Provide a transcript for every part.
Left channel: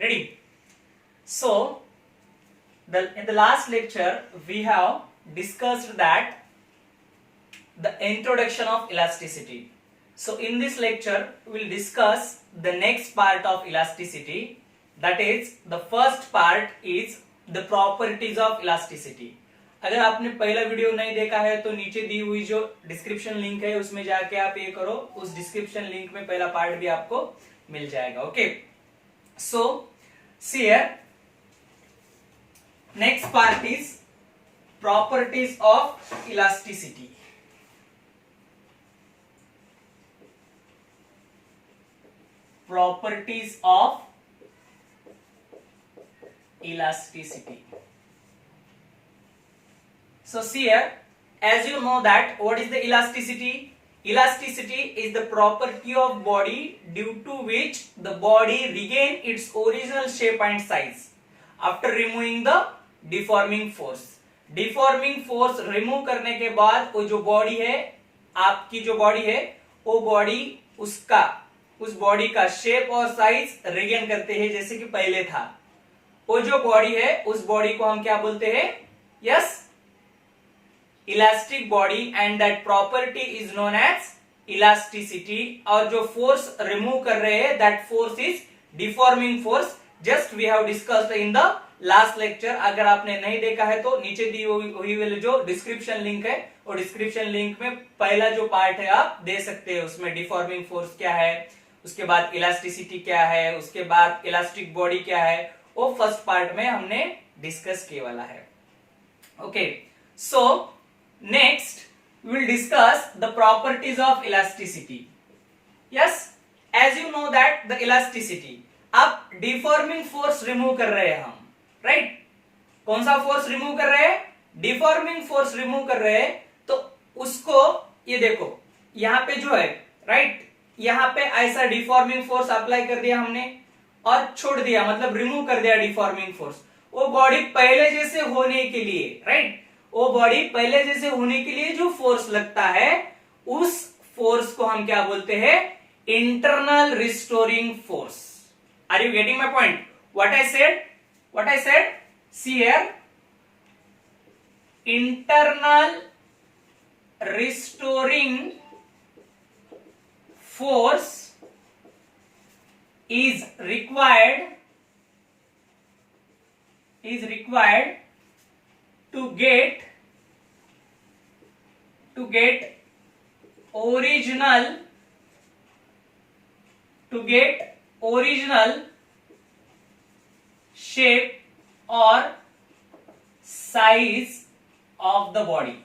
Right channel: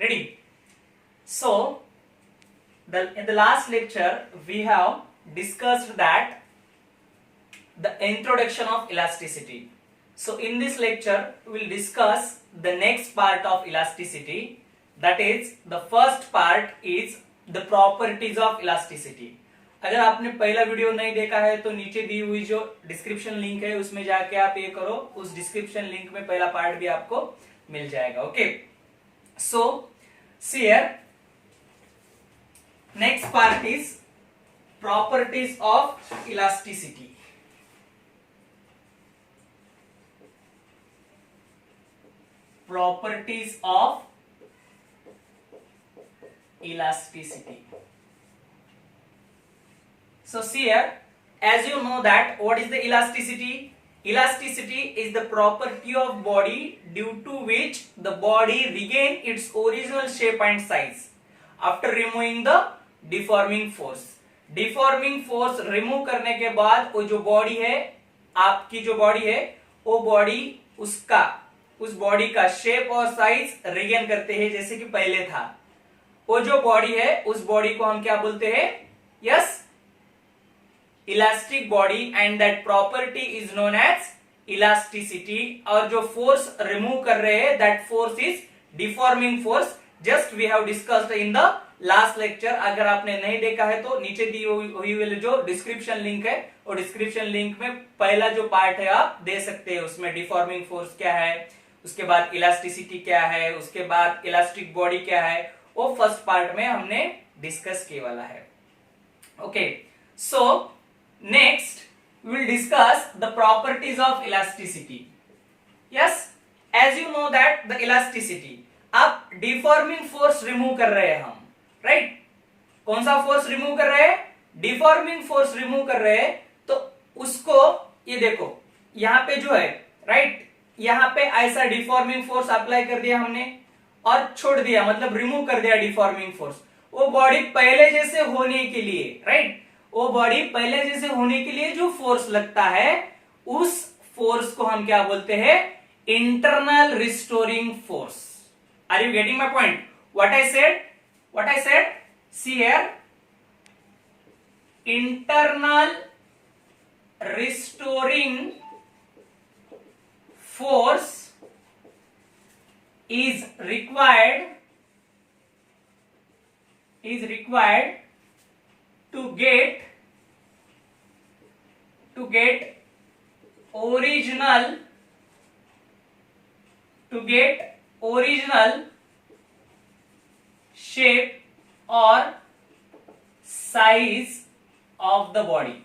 Ready? So, in the last lecture, we have discussed that the introduction of elasticity. So, in this lecture, we will discuss the next part of elasticity. That is, the first part is the properties of elasticity. अगर आपने पहला video नहीं देखा है तो नीचे दी हुई जो डिस्क्रिप्शन लिंक है उसमें जाके आप ये करो, उस डिस्क्रिप्शन लिंक में पहला पार्ट भी आपको मिल जाएगा. Okay, so see here next part is properties of elasticity. Properties of elasticity. So see here, as you know that what is the elasticity? Elasticity is the property of body due to which the body regain its original shape and size after removing the deforming force. Deforming force remove करने के बाद वो जो body है, आपकी जो body है, वो बॉडी उस बॉडी का शेप और साइज रिगेन करते हैं जैसे कि पहले था. वो जो बॉडी है उस बॉडी को हम क्या बोलते हैं? Yes, elastic body, and that property is known as elasticity. और जो फोर्स रिमूव कर रहे हैं that force is deforming force. Just we have discussed in the last lecture. अगर आपने नहीं देखा है तो नीचे दी हुई जो डिस्क्रिप्शन लिंक है वो डिस्क्रिप्शन लिंक में पहला जो पार्ट है आप दे सकते हैं. उसमें डिफॉर्मिंग फोर्स क्या है, उसके बाद इलास्टिसिटी क्या है, उसके बाद इलास्टिक बॉडी क्या है, वो फर्स्ट पार्ट में हमने डिस्कस किए वाला है. Okay, so next will discuss the properties of elasticity. Yes, as you know that the elasticity, अब डिफॉर्मिंग फोर्स रिमूव कर रहे हैं हम, राइट? कौन सा फोर्स रिमूव कर रहे हैं? डिफॉर्मिंग फोर्स रिमूव कर रहे हैं. तो उसको ये देखो यहां पे जो है, राइट, यहां पे ऐसा डिफॉर्मिंग फोर्स अप्लाई कर दिया हमने और छोड़ दिया, मतलब रिमूव कर दिया डिफॉर्मिंग फोर्स. वो बॉडी पहले जैसे होने के लिए, राइट, वो बॉडी पहले जैसे होने के लिए जो फोर्स लगता है उस फोर्स को हम क्या बोलते हैं? Internal restoring force. Are you getting my point? What I said? See here, internal restoring force is required to get original shape or size of the body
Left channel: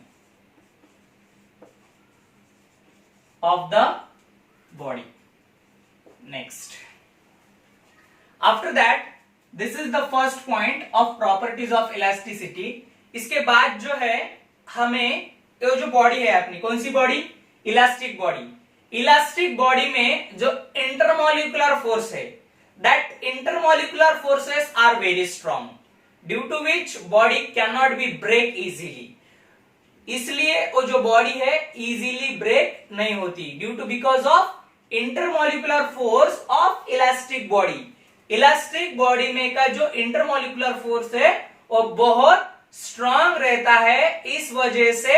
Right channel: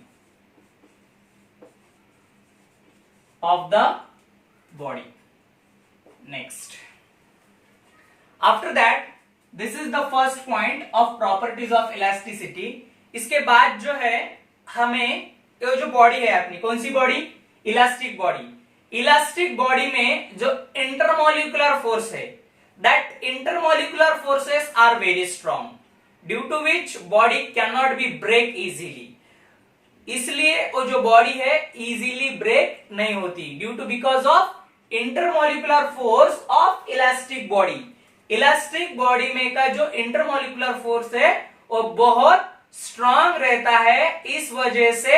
next. After that, this is the first point of properties of elasticity. इसके बाद जो है हमें ये जो body है अपनी, कौन सी body? Elastic body. Elastic body में जो इंटरमोलिकुलर फोर्स है, that intermolecular forces are very strong due to which body can not be break easily. इसलिए वो जो बॉडी है इजीली ब्रेक नहीं होती due to because of intermolecular force of elastic body. Elastic body में का जो इंटरमोलिकुलर फोर्स है वो बहुत स्ट्रांग रहता है. इस वजह से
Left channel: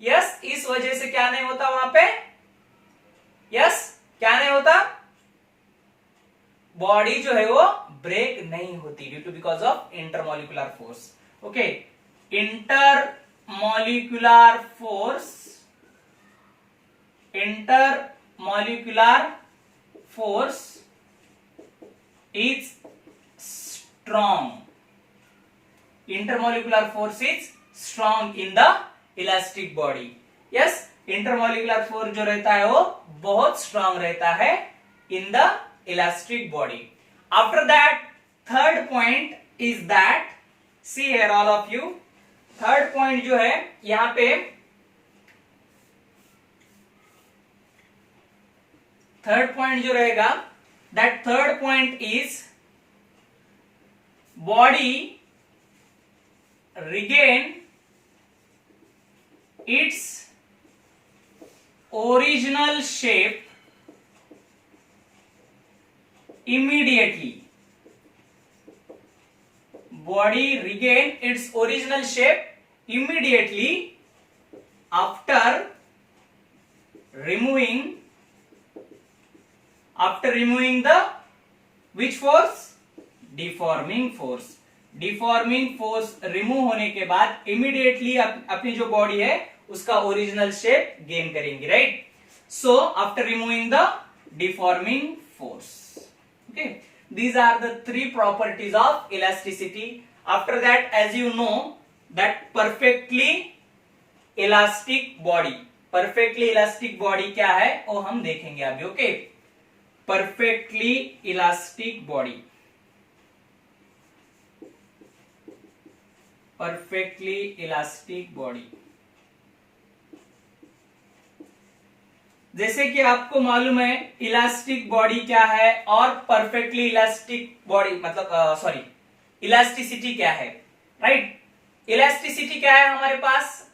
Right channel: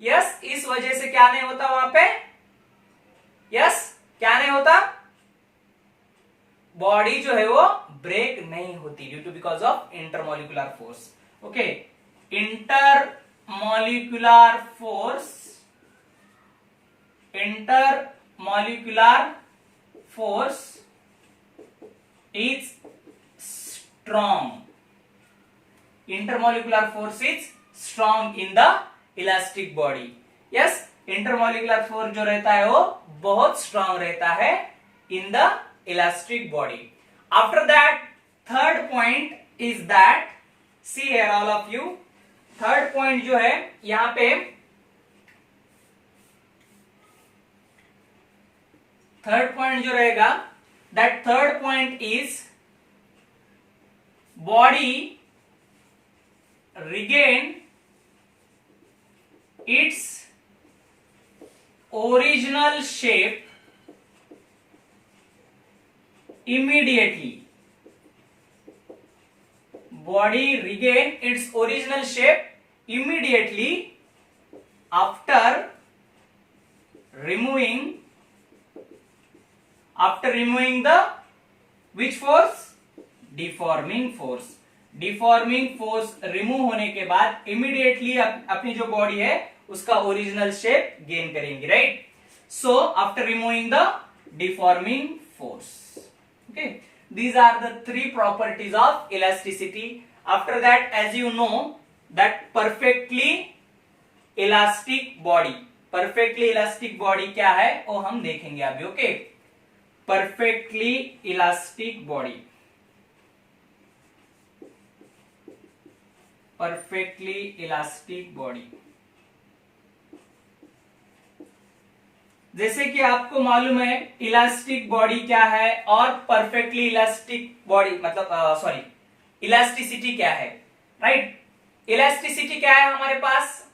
इस वजह से क्या नहीं होता वहां पे? क्या नहीं होता? बॉडी जो है वो ब्रेक नहीं होती due to because of intermolecular force. Okay, intermolecular force is strong. Intermolecular force is strong in the elastic body. Yes, intermolecular force जो रहता है वो बहुत strong रहता है in the elastic body. After that, third point is that, see here all of you, third point जो है यहां पे, थर्ड पॉइंट जो रहेगा, that third point is body regain its original shape immediately body regain its original shape immediately after removing the which force? Deforming force. Deforming force remove होने के बाद immediately अपनी जो बॉडी है उसका ओरिजिनल शेप गेन करेंगे, right? So after removing the deforming force, okay, these are the three properties of elasticity. After that, as you know that perfectly elastic body क्या है वो हम देखेंगे अभी, okay? perfectly elastic body, perfectly elastic body, जैसे कि आपको मालूम है इलास्टिक बॉडी क्या है और परफेक्टली इलास्टिक बॉडी मतलब सॉरी इलास्टिसिटी क्या है, राइट? इलास्टिसिटी क्या है हमारे पास?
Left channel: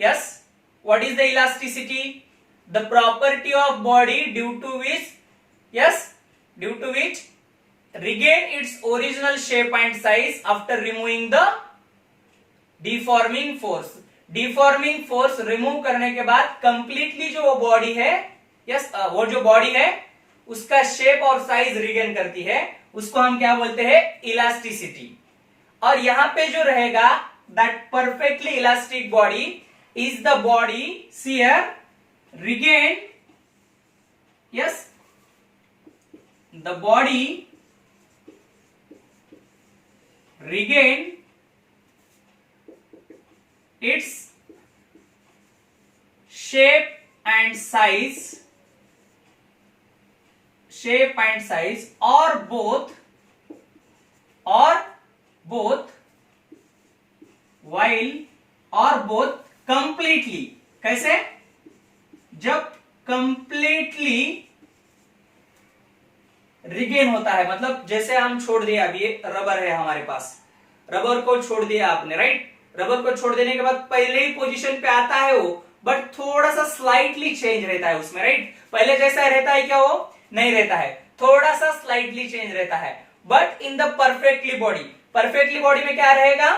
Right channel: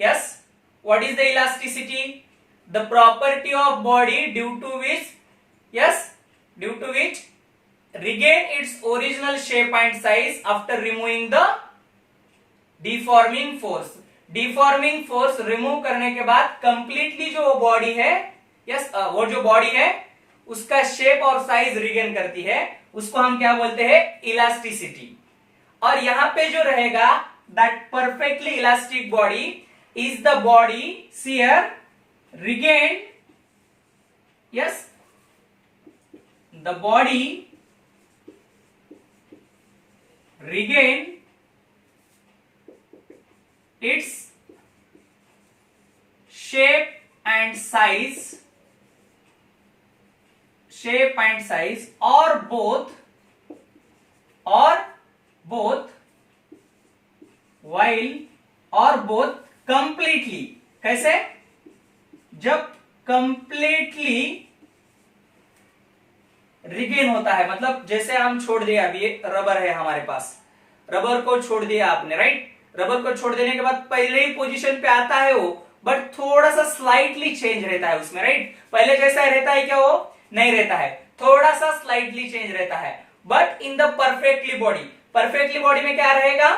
Yes, what is the elasticity? The property of body due to which regain its original shape and size after removing the deforming force. Deforming force remove करने के बाद कंप्लीटली जो वो बॉडी है, वो जो बॉडी है उसका शेप और साइज रिगेन करती है, उसको हम क्या बोलते हैं? इलास्टिसिटी। और यहां पे जो रहेगा that perfectly elastic body is the body here regain, the body regain its shape and size or both completely। कैसे? जब completely रिगेन होता है, मतलब जैसे हम छोड़ दिया, अभी रबर है हमारे पास, रबर को छोड़ दिया आपने, राइट? रबर को छोड़ देने के बाद पहले ही पोजीशन पे आता है वो, बट थोड़ा सा स्लाइटली चेंज रहता है उसमें, राइट? पहले जैसा रहता है क्या? वो नहीं रहता है, थोड़ा सा स्लाइटली चेंज रहता है। But in the perfectly body में क्या रहेगा?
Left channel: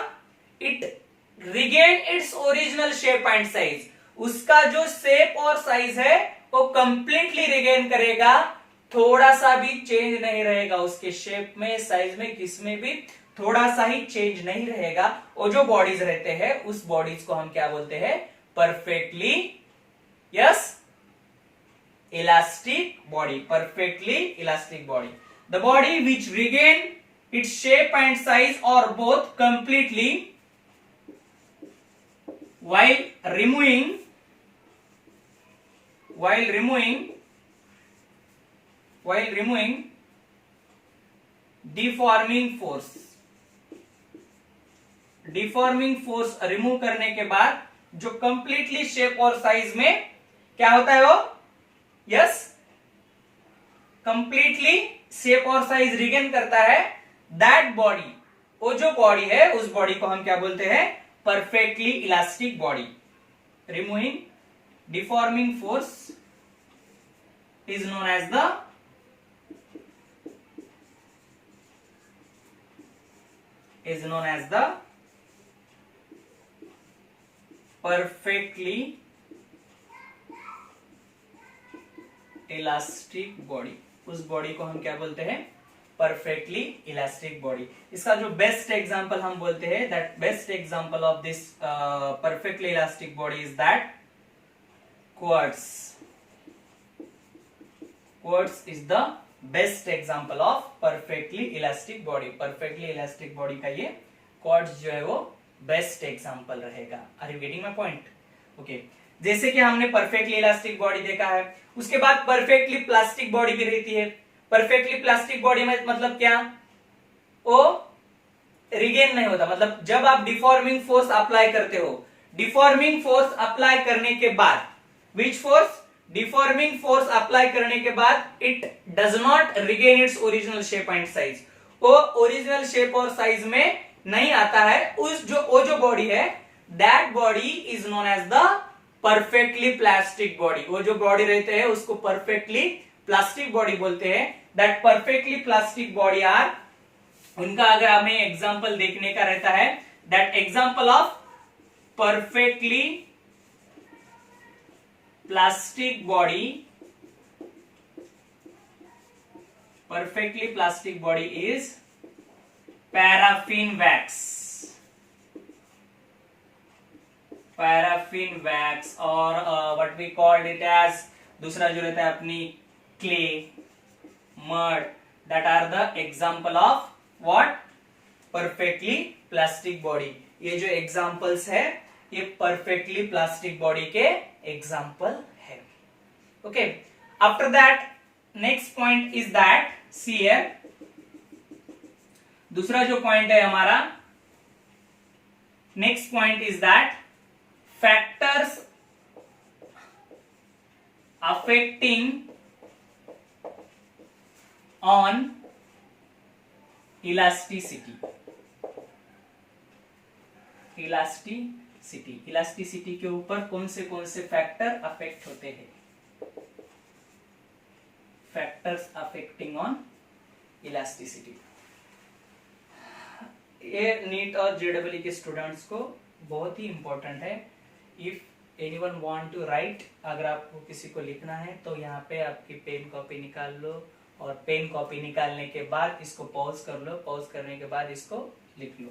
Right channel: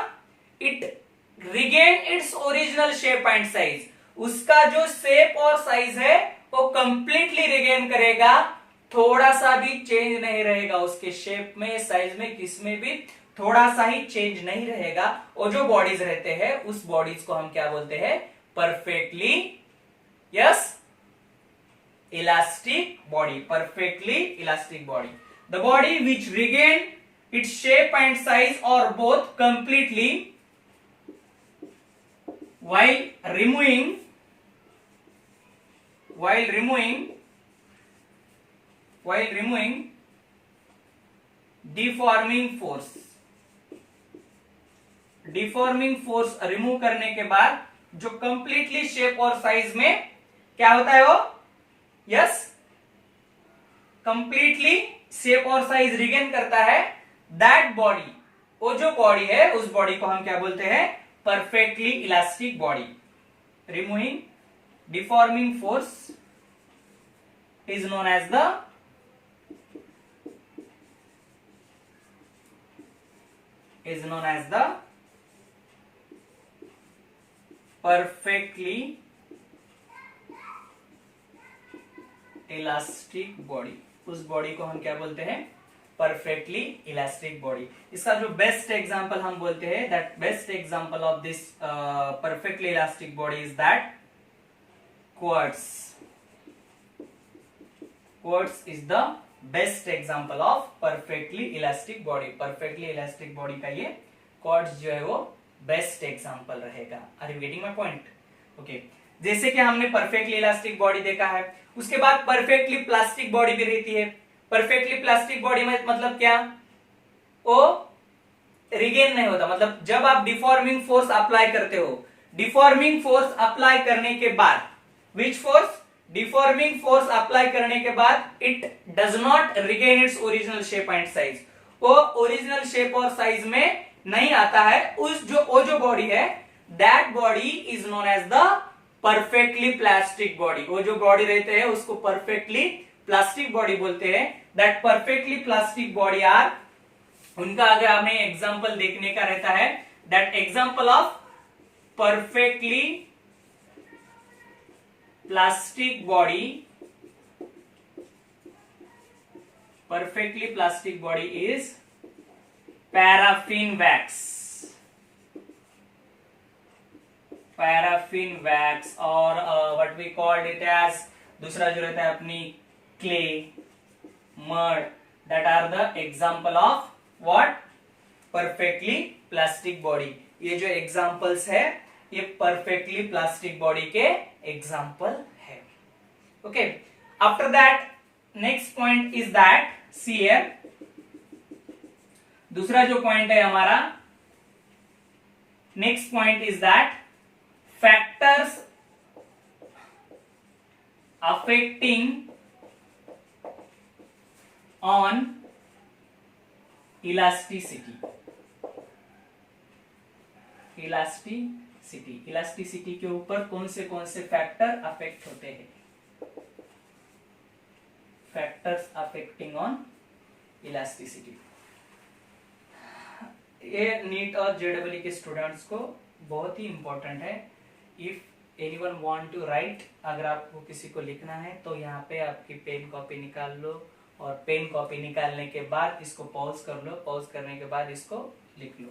It regain its original shape and size. उसका जो शेप और साइज है वो कंप्लीटली रिगेन करेगा, थोड़ा सा भी चेंज नहीं रहेगा उसके शेप में, साइज में, किसमें भी थोड़ा सा ही चेंज नहीं रहेगा। और जो बॉडीज रहते हैं उस बॉडीज को हम क्या बोलते हैं? Perfectly elastic body, perfectly elastic body. The body which regain its shape and size और both completely while removing deforming force remove करने के बाद जो कंप्लीटली शेप और साइज में क्या होता है वो? कंप्लीटली शेप और साइज रिगेन करता है, दैट बॉडी, वो जो बॉडी है उस बॉडी को हम क्या बोलते हैं? Perfectly elastic body. Removing deforming force is known as the perfectly elastic body। उस बॉडी को हम क्या बोलते हैं? Perfectly elastic body. इसका जो बेस्ट एग्जांपल हम बोलते हैं, that best example of this perfectly elastic body is that quartz. Quartz is the best example of perfectly elastic body। perfectly elastic body का ये quartz जो है वो बेस्ट एग्जांपल रहेगा। Are you getting my point? Okay, जैसे कि हमने perfectly elastic body देखा है, उसके बाद परफेक्टली प्लास्टिक बॉडी भी रहती है। परफेक्टली प्लास्टिक बॉडी में मतलब क्या? वो रिगेन नहीं होता, मतलब जब आप डिफॉर्मिंग फोर्स अप्लाई करते हो, डिफॉर्मिंग फोर्स अप्लाई करने के बाद which force? Deforming force apply करने के बाद it does not regain its original shape and size. वो ओरिजिनल शेप और साइज में नहीं आता है। वो जो बॉडी है, that body is known as the perfectly plastic body. वो जो बॉडी रहते हैं उसको परफेक्टली प्लास्टिक बॉडी बोलते हैं। That perfectly plastic body are उनका अगर हमें एग्जाम्पल देखने का रहता है, that example of perfectly plastic body, perfectly plastic body is paraffin wax, paraffin wax or what we called it as, दूसरा जो रहता है अपनी clay, mud, that are the example of what, perfectly plastic body. ये जो examples है ये perfectly plastic body के example है. Okay, after that next point is that सी है, दूसरा जो पॉइंट है हमारा, next point is that factors affecting on elasticity. Elasticity के ऊपर कौन से फैक्टर अफेक्ट होते हैं, फैक्टर्स अफेक्टिंग ऑन इलास्टिसिटी. ये नीट और जेडब्ल्यू के स्टूडेंट्स को बहुत ही इंपॉर्टेंट है. If anyone want to write, अगर आपको किसी को लिखना है तो यहाँ पे आपकी पेन कॉपी निकाल लो, और पेन कॉपी निकालने के बाद इसको पॉज कर लो, पॉज करने के बाद इसको लिख लो.